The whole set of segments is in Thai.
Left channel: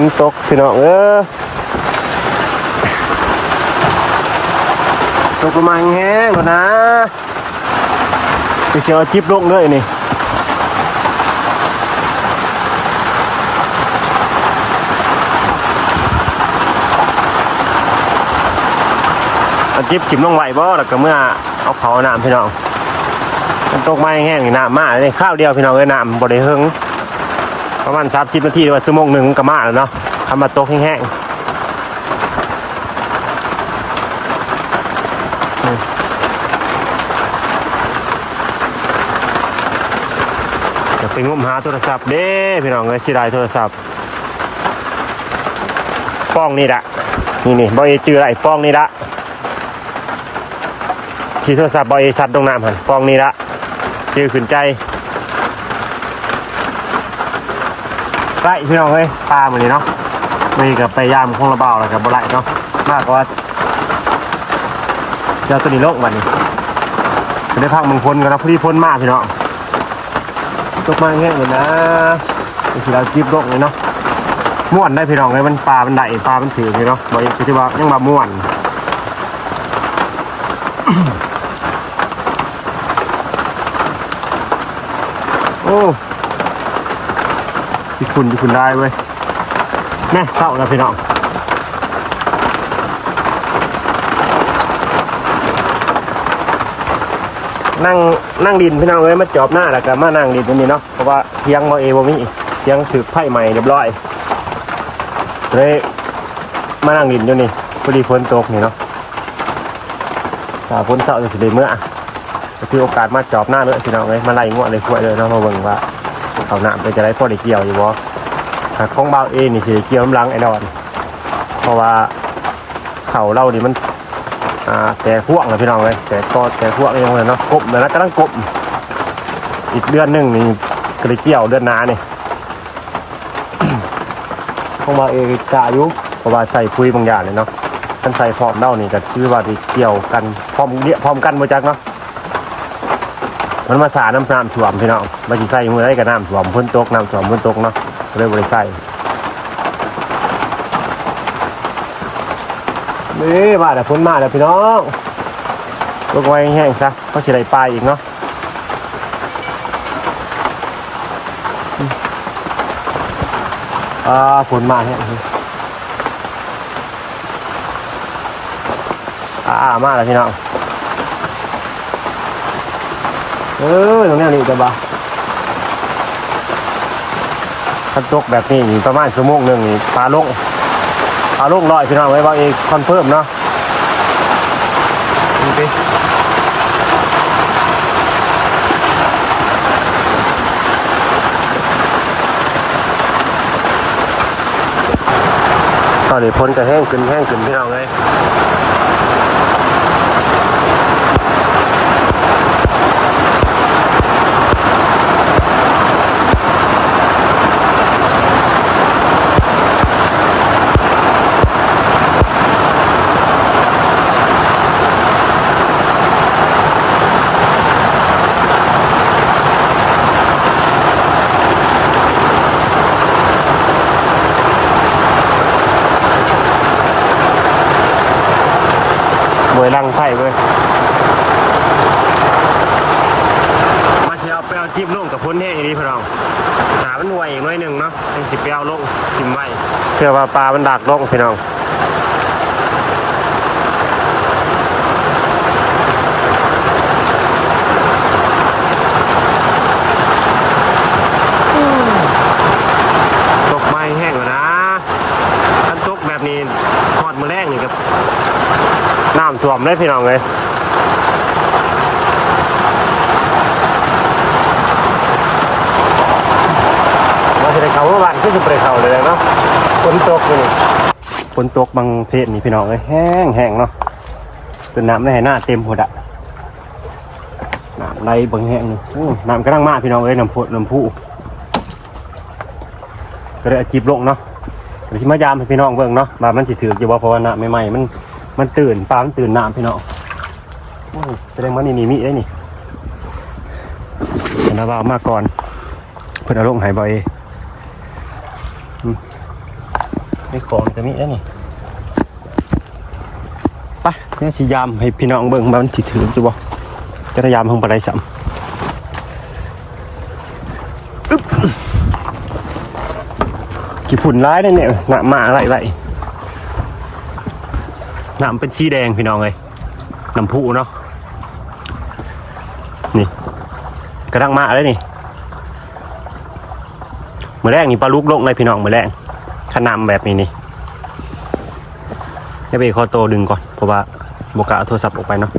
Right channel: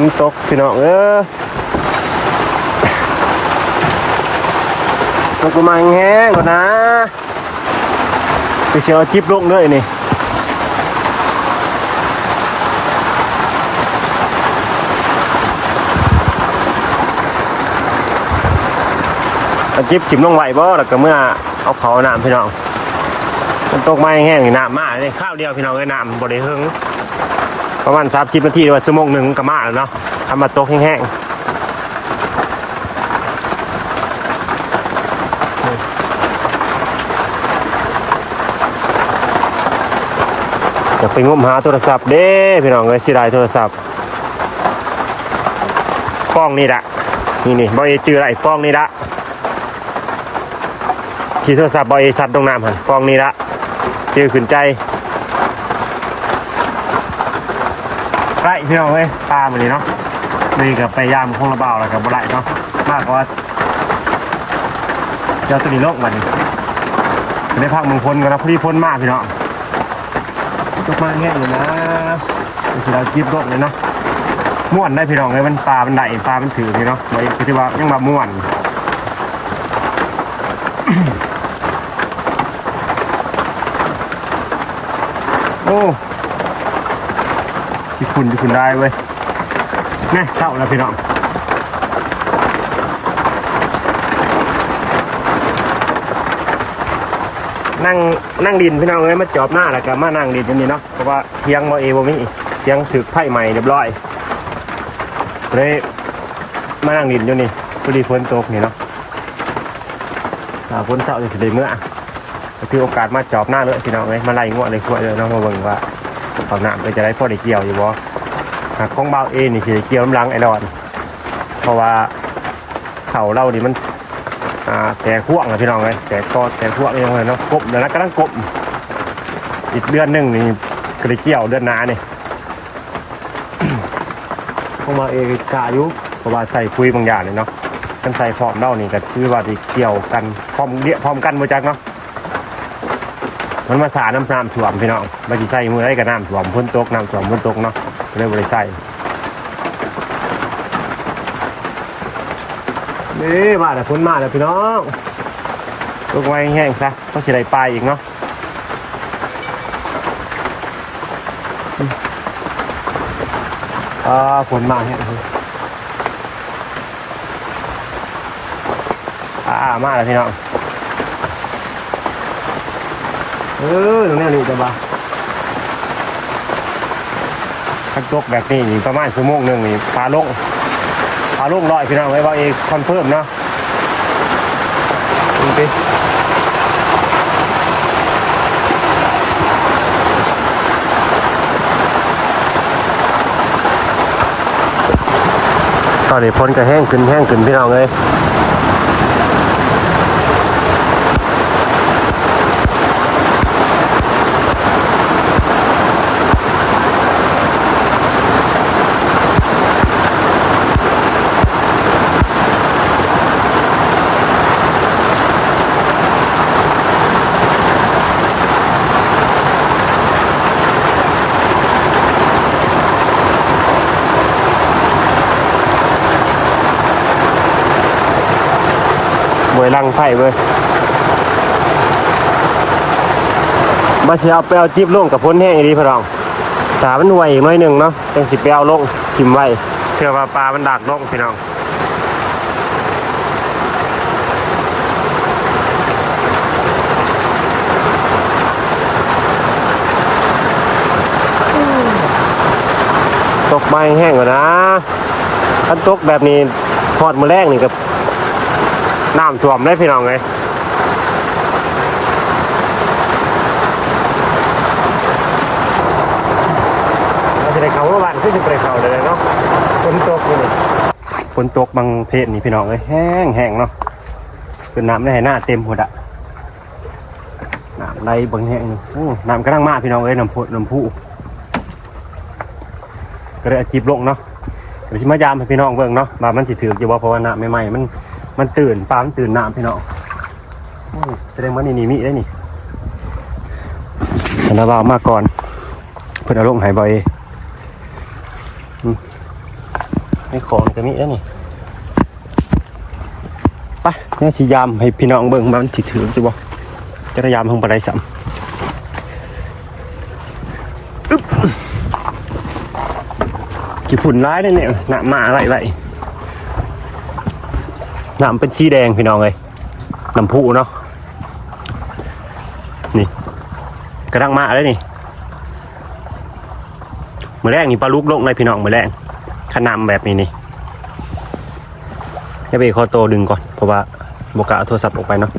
นตกพี่น้องเออตกประมาณแห้งก่อนนะไปเชียวจิบลงเลยนี่อาจิบจิบลงไหวบ่แล้วก็เมื่อเอาเขาน้ำพี่น้องมันตกมาแห้งๆนี่น้ำมาเลยข้าวเดียวพี่น้องเลยน้ำบริเฮง ประมาณสามสิบนาทีหรือว่าชั่วโมงหนึ่งก็มาแล้วเนาะทำมาตกแห้งๆจะไปงมหาโทรศัพท์เด้พี่น้องเลยสิได้โทรศัพท์ป้องนี่ละนี่นี่บอยจืออะไรป้องนี่ละที่โทรศัพท์บอยสัตว์ตรงน้ำหันป้องนี่ละจือขึ้นใจ ไร่พี่น้องเอ้ยตามมาเลยเนาะนี่กับไปยามคงระเบาแล้วกับบไรเนาะมากกว่าเจ้าตัวนี้โลกมันนี่จะได้พักมึงพ้นกันนะพอดีพ้นมากพี่น้องตกมาแห้งเลยนะไอ้ที่เราจีบโลกเลยเนาะม่วนได้พี่น้องเลยมันปลามันได้ปลามันถือพี่เนาะบอกอีกที่ว่ายังมาม่วน โอ้ คุณที่คุณได้เว้ยแม่เศร้าแล้วพี่น้องนั่งนั่งดินพี่น้องเอ้ยมาจอบหน้าแล้วก็มานั่งดินตรงนี้เนาะเพราะว่าเทียงบ่เอบ่มีเทียงถือไผ่ใหม่เรียบร้อยเลยมานั่งดินอยู่นี่พอดีฝนตกนี่เนาะถ้าฝนเศร้าจะสิได้เมื่อก็ถือโอกาสมาจอบหน้าเลยพี่น้องเอ้ยมาไล่งวดเลยขวดเลยเนาะมาเบิ่งว่า เขาหนามไปจะได้พอได้เกี่ยวอยู่บ่หากของเบาเองนี่คือเกี่ยวน้ำลังไอ้ดอน เพราะว่าเขาเล่านี่มันอ่าแต่พวกนะพี่น้องเลยแต่ก็แต่พวกเองเลยเนาะกบเลยนะกำลังกบอีกเดือนหนึ่งนี่ก็ได้เกี่ยวเดือนหน้านี่ของเบาเองกะอายุเพราะว่าใส่คุยบางอย่างนี่เนาะท่านใส่พร้อมเล่านี่ก็ชื่อว่าที่เกี่ยวกันพร้อมเดียพร้อมกันมาจักเนาะ มันมาสาน้ำน้ำท่วมพี่น้องมาจีใส่มือได้กับน้ำท่วมพ้นตกน้ำท่วมพ้นตกเนาะก็เลยบริใส่นี่มาแต่พ้นมาแล้วพี่น้องตกไว้แห้งซะก็สิได้ปลายอีกเนาะอ่าฝนมาแห้งอ่ามาแล้วพี่น้อง เออตรงนี้นี่จะบ้าคันตกแบบนี้ประมาณชั่วโมงหนึ่งปลาลงปลาลงลอยพี่น้องไว้ว่าเองคอนเฟิร์มเนาะดูสิเอาดิพอนจะแห้งขึ้นแห้งขึ้นพี่น้องเลย ไม่เว้ยมาสิเอาไปเอาจิ๊บลงกับพ้นแห้งอีดีพี่น้องตามันไหวอีกหน้อยหนึ่งเนาะเป็นสิไปเอาลงทิมไว้เพื่อว่าปลามันดักลงพี่น้องตกไม้แห้งกว่านะถ้าตกแบบนี้ทอดมือแรกนี่กับ น้ำท่วมเลยพี่น้องเลยว่าจะได้เขาว่าบ้านก็จะไปเขาเลยเนาะฝนตกเลยนี่ฝนตกบางเพศนี่พี่น้องเลยแห้งแห้งเนาะเป็นน้ำในหน้าเต็มหมดอะน้ำไหลบางแห้งนี่อู้น้ำกระด้างมากพี่น้องเอ้ยน้ำพุน้ำพุก็เลยเอาจีบลงเนาะเดี๋ยวชิมายามให้พี่น้องเบิ่งเนาะว่ามันสิถืออยู่บ่เพราะว่าน้ำใหม่ๆมัน มันตื่นปลามันตื่นน้ำพี่น้องแสดงว่านี่มีมีได้นี่ธนาบาวมาก่อน เพื่อนเอาลงหายบ่อยอืมมีของก็มีแล้นี่ไปเนี่ยสิยามให้พี่น้องเบิ่งมันถือถือตัวบ่จะได้ยามห้องปลาไหลสัมกี่ผุนร้ายนั่นเนี่ยหนามาไหวไหวห นามเป็นสีแดงพี่น้องเลยน้ำพุเนาะนี่กระดังมาแล้วนี่มือแรกนี่ปลาลูกลงเลยพี่น้องมือแรกขนำแบบนี้นี่จะไปคอโตดึงก่อนเพราะว่าบกะเอาโทรศัพท์ออกไปเนาะ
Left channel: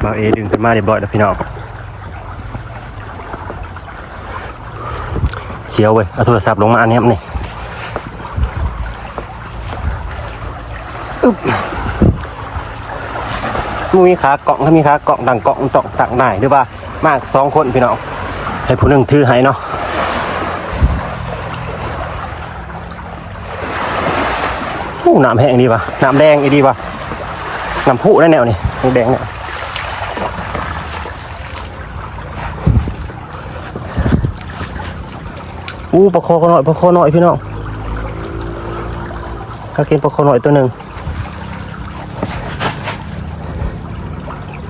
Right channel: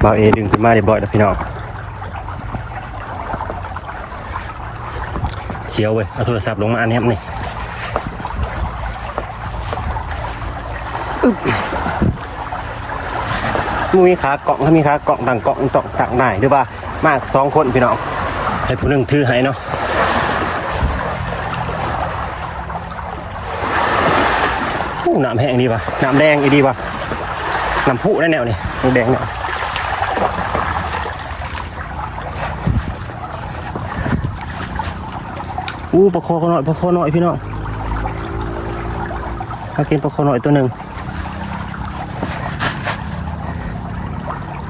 เบาเอดึงขึ้นมาเรียบร้อยแล้วพี่น้อง เสียวเว้ยเอาโทรศัพท์ลงมาอันนี้ครับนี่อึ๊บมีขาเกาะถ้ามีขาเกาะต่างเกาะต่างต่างได้หรือว่ามากสองคนพี่น้องให้ผู้หนึ่งถือให้เนาะน้ำแห้งดีป่ะน้ำแดงอีดีป่ะน้ำพุแน่แนวนี่แดงเนี่ย อู้ปลาคอหน่อยปลาคอหน่อยพี่น้องถ้ากินปลาคอหน่อยตัวหนึ่ง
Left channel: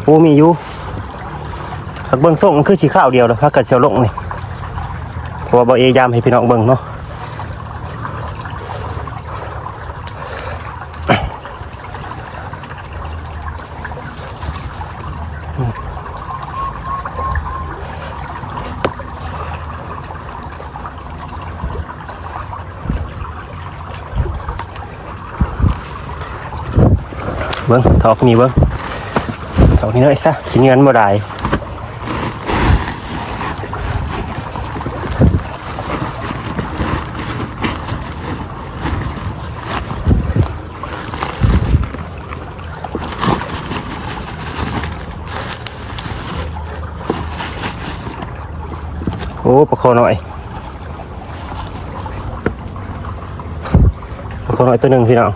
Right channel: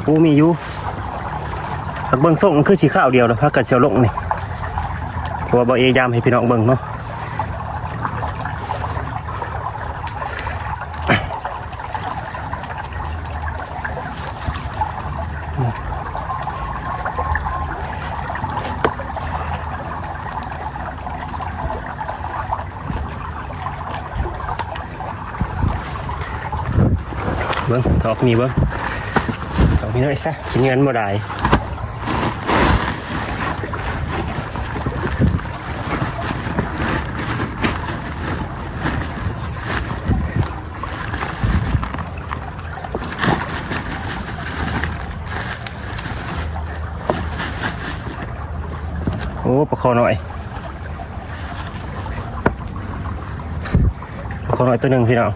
อู้มีอยู่หักเบิ้งส่งมันคือสีข้าวเดียวแล้วพักกัดเชียวลงนี่ตัวบอเอยามให้พี่น้องเบิ้งเนาะ เบิ้งทอกนี่เบิ้งเอาที่น้อยซะขี้เงินบ่ได้โอ้ประคอหน่อยประคอหน่อยตัวหนึ่งพี่น้อง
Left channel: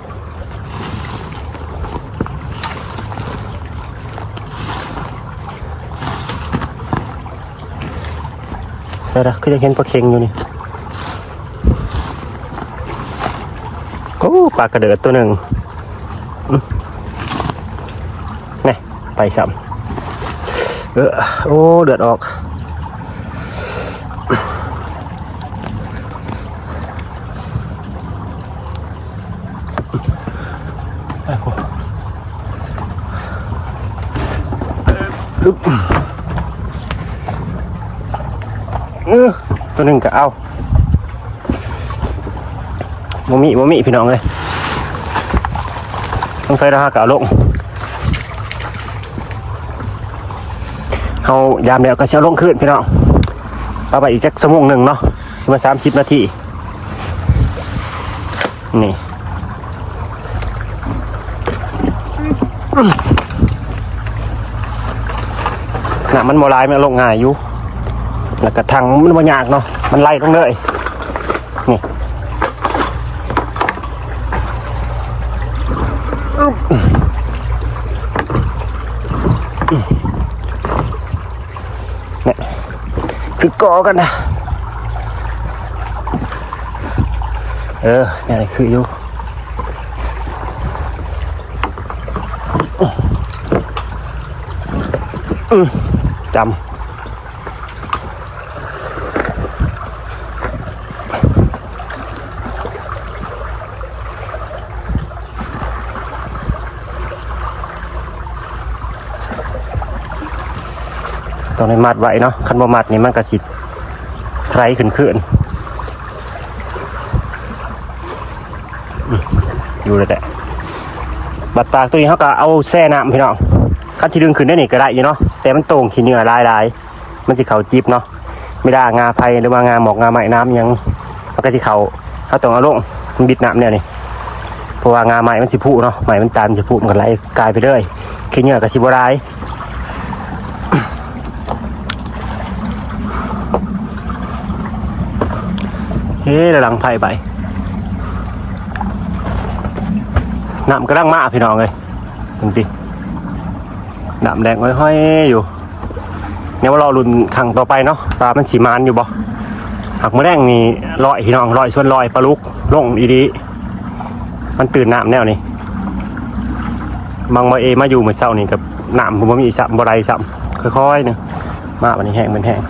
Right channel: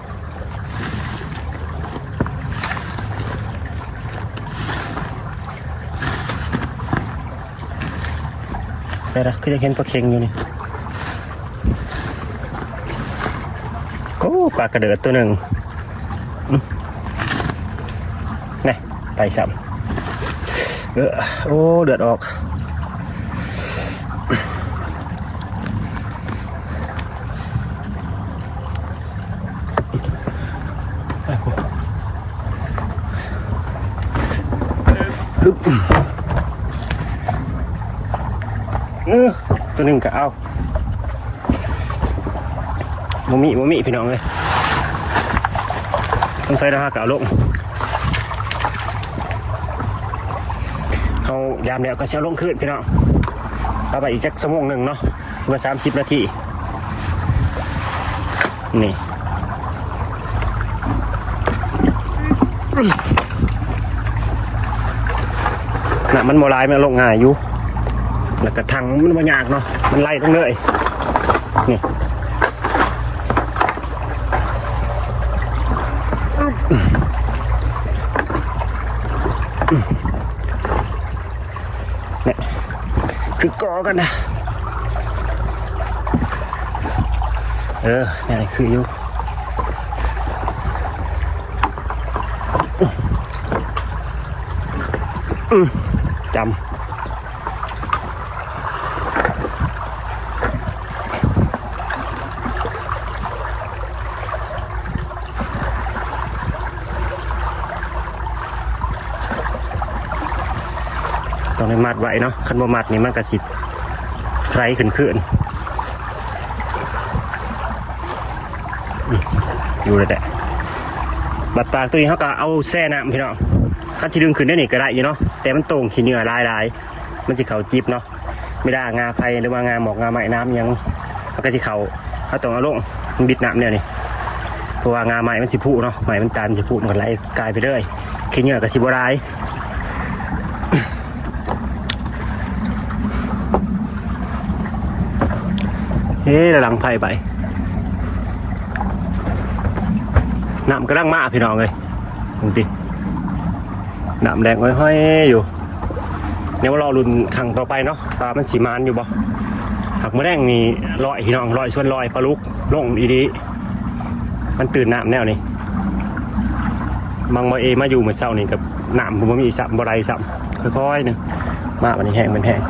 ช่ละคือจะเห็นปลาเค็งอยู่นี่โอ้ปลากระเดิดตัวหนึ่งนี่ไปซ้ำเออโอ้เดือดออกไปกูอึ๊บ เออตัวหนึ่งก็เอาโมมิโมมิพี่น้องเลยต้องใส่ราคาก่าลงเอายามเดียวก็เช้าลงขึ้นพี่น้องเอาไปอีกจักชั่วโมงหนึ่งเนาะมาสามสิบนาทีนี่น่ะมันโมลายมันลงง่ายอยู่ แล้วก็ทางมันบ่ยากเนาะมันไล่ลงเลยนี่นี่คือกอกันนะเออนี่คืออยู่อื้อจำ ต้องให้มัดไว้เนาะคันบ่มัดนี่มันก็สิไทรขึ้นขึ้นดูเลยแหละบัดปลากตัวนี้เขาก็เอาแช่น้ำพี่น้องคันที่ดึงขึ้นได้นี่ก็ได้อยู่เนาะแต่มันต่งขี้เหงื่อลายลายๆมันสิเขาจิบเนาะไม่ได้งาไผ่หรือว่างาหมอกงาไหม้น้ำยังมันก็สิเขาเขาต้องเอาลงมันบิดน้ำเนี่ยนี่เพราะว่างาไหม้มันสิพุเนาะไหม้มันตามสิพุมันก็ไหลกลายไปเลยขี้เหงื่อก็สิบ่ได้เระลังไผ่ไปน้ำกระดังมาพี่น้องเลยดูดิน้ำแดงห้อยๆอยู่ดี๋ยวมารอลุ้นครั้งต่อไปเนาะปลามันสีมานอยู่บ่หักมะแดงนี่ลอยพี่น้องลอยส่วนลอยปลาลุกลงอีดี มันตื่นน้ำแนวนี้บางมาเอมาอยู่เหมื่อเช้านี่กับน้ำผมบ่มีสับบ่ไรสับค่อยๆเนาะมาวันนี้แห้งมันแห้ง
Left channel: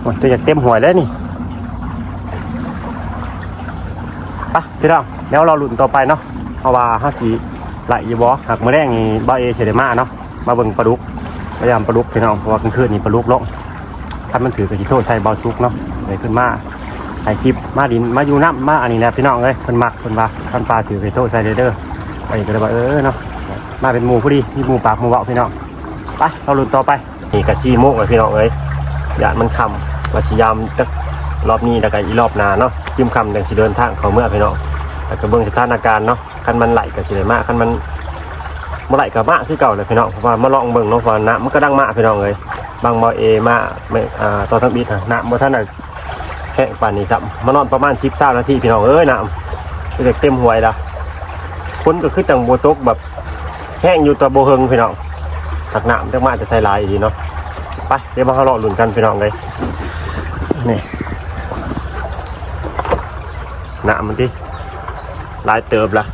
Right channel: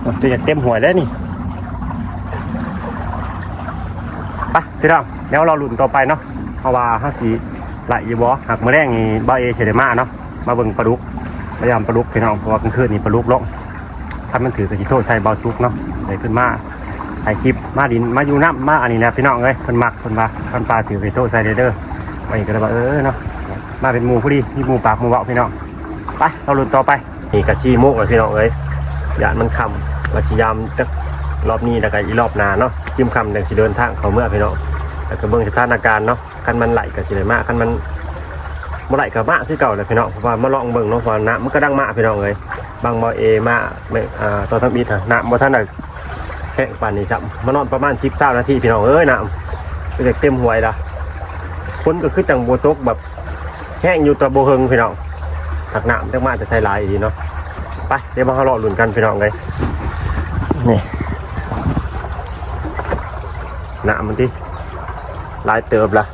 โอ้ยตัวอยากเต็มหัวแล้วนี่ไป พี่น้องเดี๋ยวเราลุ้นต่อไปเนาะเพราะว่าห้าสีไหลอยู่บ่หักมะแดงนี่บ่เอเฉยมาเนาะมาเบิ่งปลาลุกพยายามปลาลุกพี่น้องเพราะว่ากลางคืนนี่ปลาลุกลงถ้านมันถือกระชิโทษใส่เบาซุกเนาะเลยขึ้นมาถ่ายคลิปมาดินมาอยู่น้ำมาอันนี้นะพี่น้องเอ้ยเพิ่นมักเพิ่นว่าท่านปลาถือกระชิโทษใส่เด้อไปก็เลยว่าเออเนาะมาเป็นหมูพอดีมีหมูปากหมูเบาพี่น้องไปเราลุ้นต่อไปนี่กระซีโมกเลยพี่น้องเอ้ยยานมันคำว่าสิยามจัก รอบนี้แล้วก็อีรอบหน้าเนาะจิ้มคำจังสิเดินทางเขาเมื่อพี่น้องแล้วก็เบิ่งสถานการณ์เนาะคันมันไหลก็สิได้มากคันมันเมื่อไหร่กับมาคือเก่าเลยพี่น้องเพราะว่ามาลองเบิ่งเนาะว่าน้ำมันก็ดังมากพี่น้องเลยบางบอเอมาไม่อ่าตอนทั้งบีดอะน้ำบ่ท่านได้แห้งปานนี้ซ้ำมานอนประมาณ10 20นาทีพี่น้องเอ้ยน้ำก็จะเต็มหวยละคนก็คือจังโบตกแบบแห้งอยู่ตัวโบเฮงพี่น้องถักน้ำจังมาจะใส่ลายอีเนาะไปเดี๋ยวมาเขารอลุ้นกันพี่น้องเลยนี่ น้ำมันดิลายเติบละ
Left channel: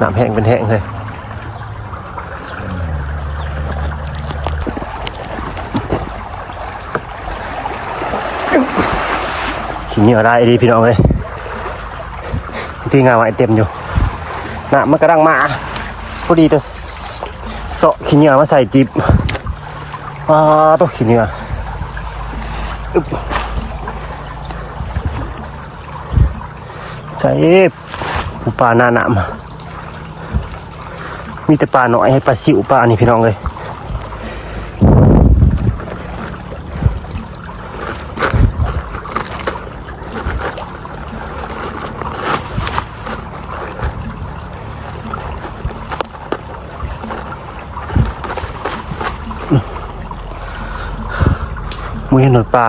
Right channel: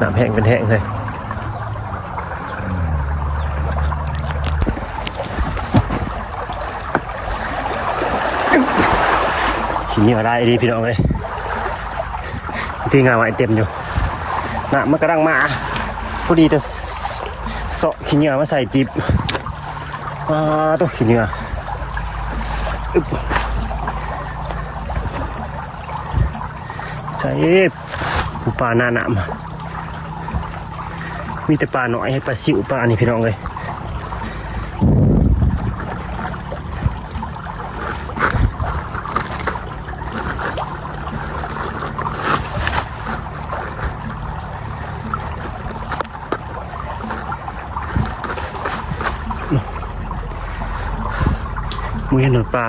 น้ำแห้งเป็นแห้งเลยขี้เหนียวได้ดีพี่น้องเลยที่งานไว้เต็มอยู่น้ำมันกระดังมาพอดีแต่เสาะขี้เหนียวมาใส่จิบอ่าตัวขี้เหนียวอึ๊บใส่ผู้ปลาหน้าหนามมีแต่ปลาหน่อยให้ปลาสิวปลาอันนี้พี่น้องเลย มือหนวดปลา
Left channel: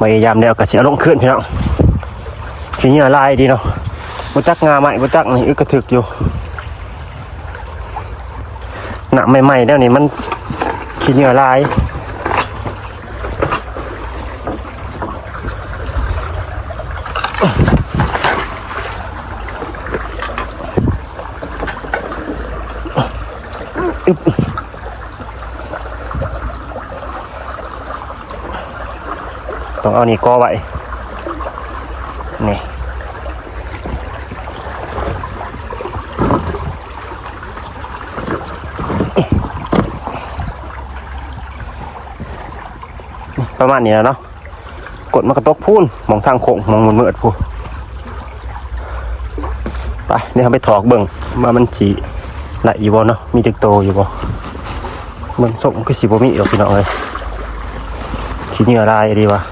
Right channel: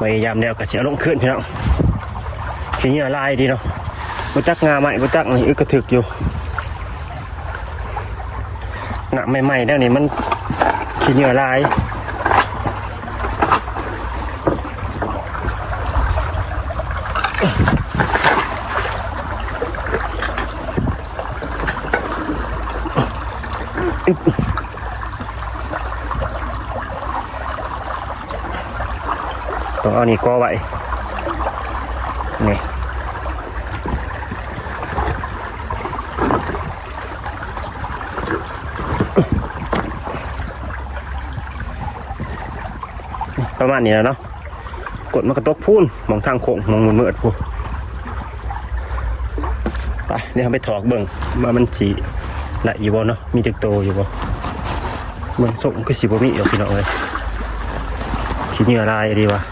พยายามแล้วกระเสียลงขึ้นพี่น้องขี้เหงื่อลายดีเนาะบ่จักงาไหมบ่จักนี่อึกกระถึกอยู่หนักใหม่ๆแล้วนี่มันขี้เหนียวลาย ต้องเอานี่กอไว้นี่ประมาณนี้แล้วเนาะกดมันกระตกพูนมองทางโค้งมองมันมืดพูนไปเดี๋ยวเราไปถอกเบิ่งมามันสีละอีบ่เนาะมีเด็กโตอยู่บ่เบิ่งส่งคือสีบ่มีหรอกพี่น้องเอ้ยสีเหนี่อะไรดีวะ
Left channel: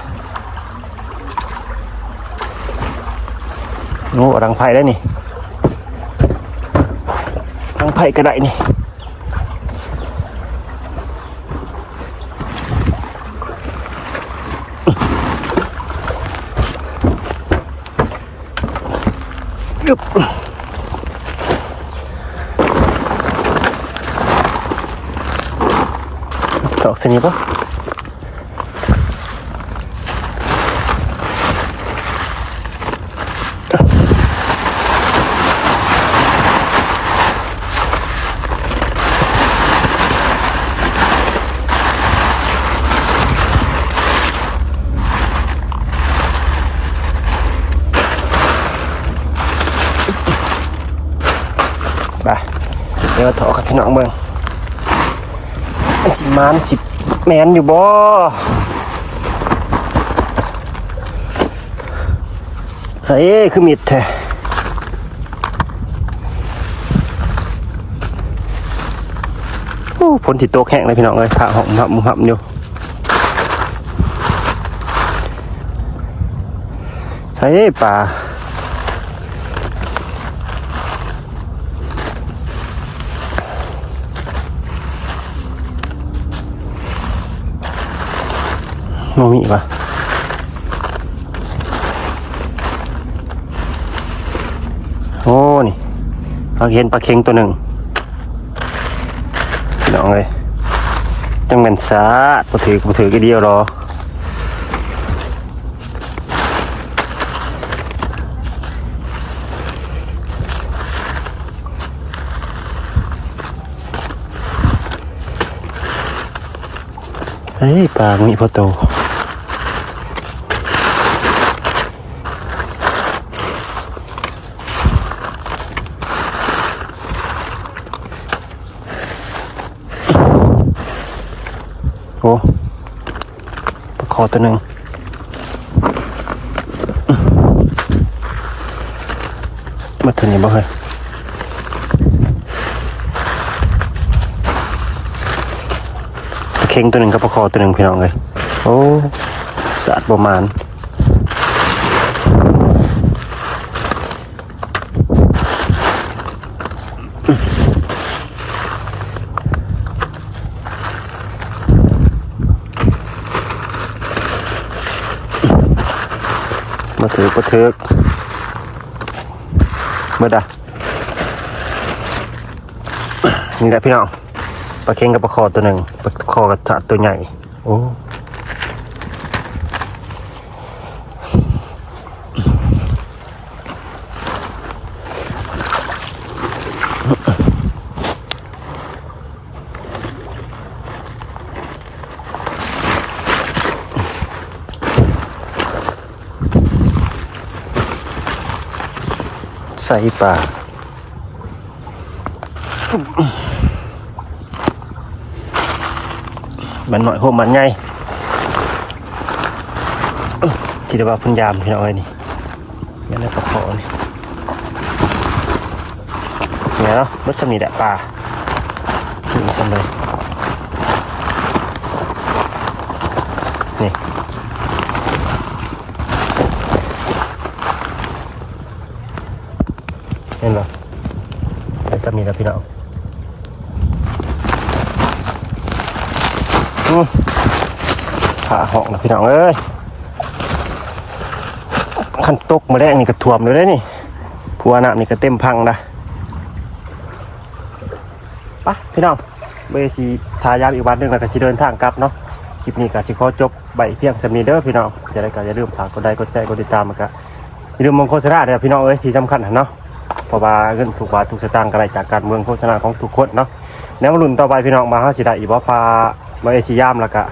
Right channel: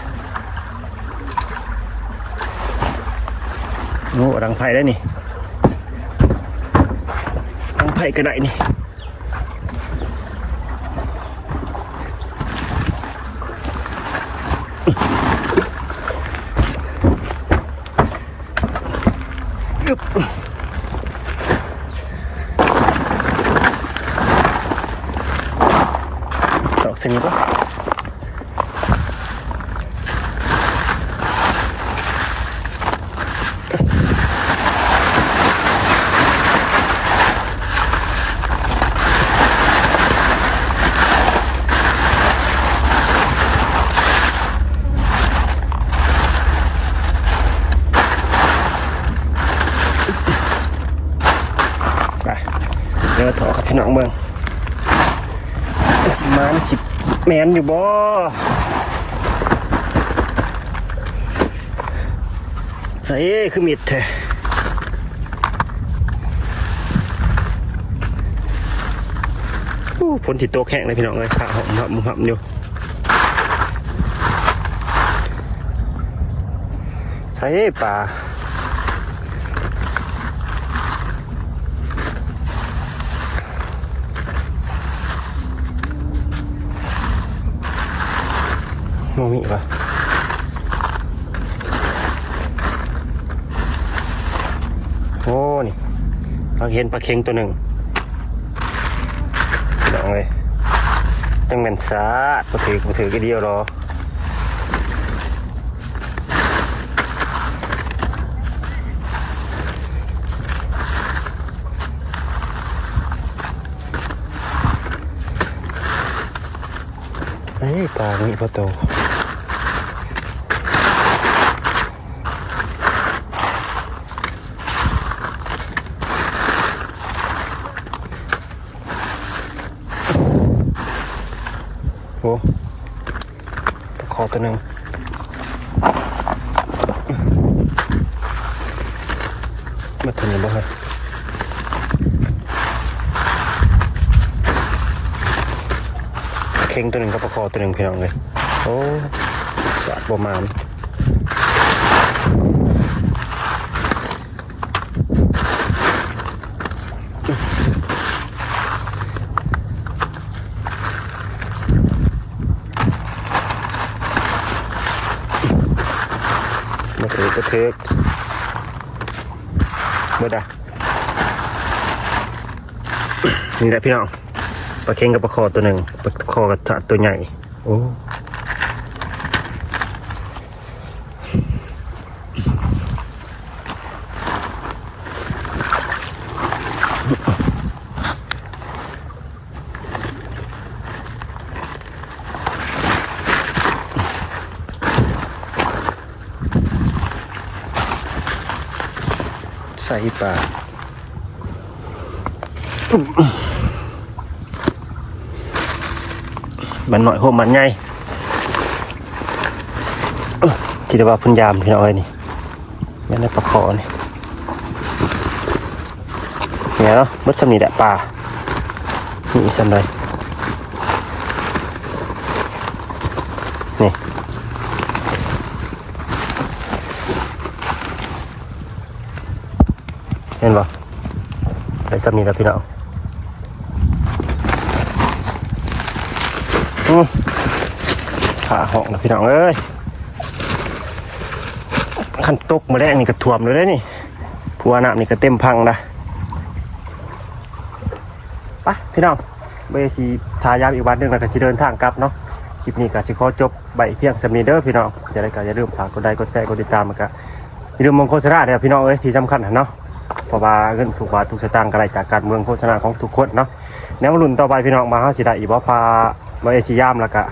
โอ้รังไผ่ได้นี่รังไผ่ก็ได้นี่ดอกสนิทปะ เดี๋ยวถอกับพี่น้องเมืองสิมานสิแมนอยู่บ่ใส่คือมิดแท้ผลติดโตแข็งเลยพี่น้องเลยผ่าหอมหับมุมหับอยู่ใส่ป่า โนมีปะโอ้ นี่เราเห็นปลาเค็งตัวหนึ่งน้องเลยจังแม่นซาดบ่ถือบ่ถือก็เดียวรอเฮ้ยปลามีพอโต โอ้ปลาคอ ตัวหนึ่งมาถึงนี่บ่เคยปลาเข่งตัวหนึ่งกับปลาคอตัวหนึ่งพี่น้องเลยโอ้สัตว์ประมาณ ถือประเทือกเมื่อใดนี่แหละพี่น้องปลาเค็งกับปลาคอตัวหนึ่งปลาคอกับตัวใหญ่โอ้ ใส่ปลามันหน่อยโหมมันไงคิดว่าเพุ่นยามพี่น้องเอ้ยนี่แม่นได้ปลาคอนี่เนี่ยเนาะมัดสำนีแหละปลานี่สำไรนี่ เห็นบ่ไอ้สามีแล้วพี่น้องขาหอกนะพี่น้องเอ้ยขันตกมาได้นี่กระท่วมเลยได้นี่ผัวน้ำนี่ก็เต็มพังนะไปพี่น้องเบสีทายามอีกวันหนึ่งแล้วก็สิเดินทางกลับเนาะคลิปนี้ก็สิขอจบใบเพียงสำนีเด้อพี่น้องจะได้ก็อย่าลืมฝากกดไลค์กดแชร์กดติดตามมันก็อย่าลืมมงโฆษณาเด้อพี่น้องเอ้ยที่สำคัญนะเนาะ เพราะว่าเงินถูกบาทถูกสตางค์กระไรจากการเมืองโฆษณาของทุกคนเนาะแนวรุ่นต่อไปพี่น้องมาเฮาสิได้อีบ่พามาเอชิยามแล้วก็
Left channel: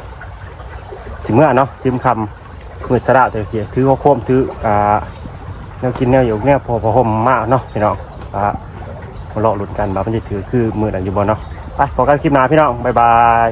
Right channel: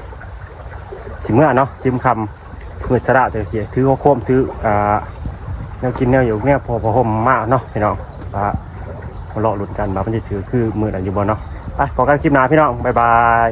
สิเมื่อเนาะซิมคำมือสระจังซี่ถือหัวโคมถืออ่าแนวกินแนวอยู่แนวพอพอห่มมากเนาะพี่น้องว่ามาเลาะรุ่นกันว่ามันจะถือคือมือไหนอยู่บ่เนาะไปพอกันคลิปหน้าพี่น้องบ๊ายบาย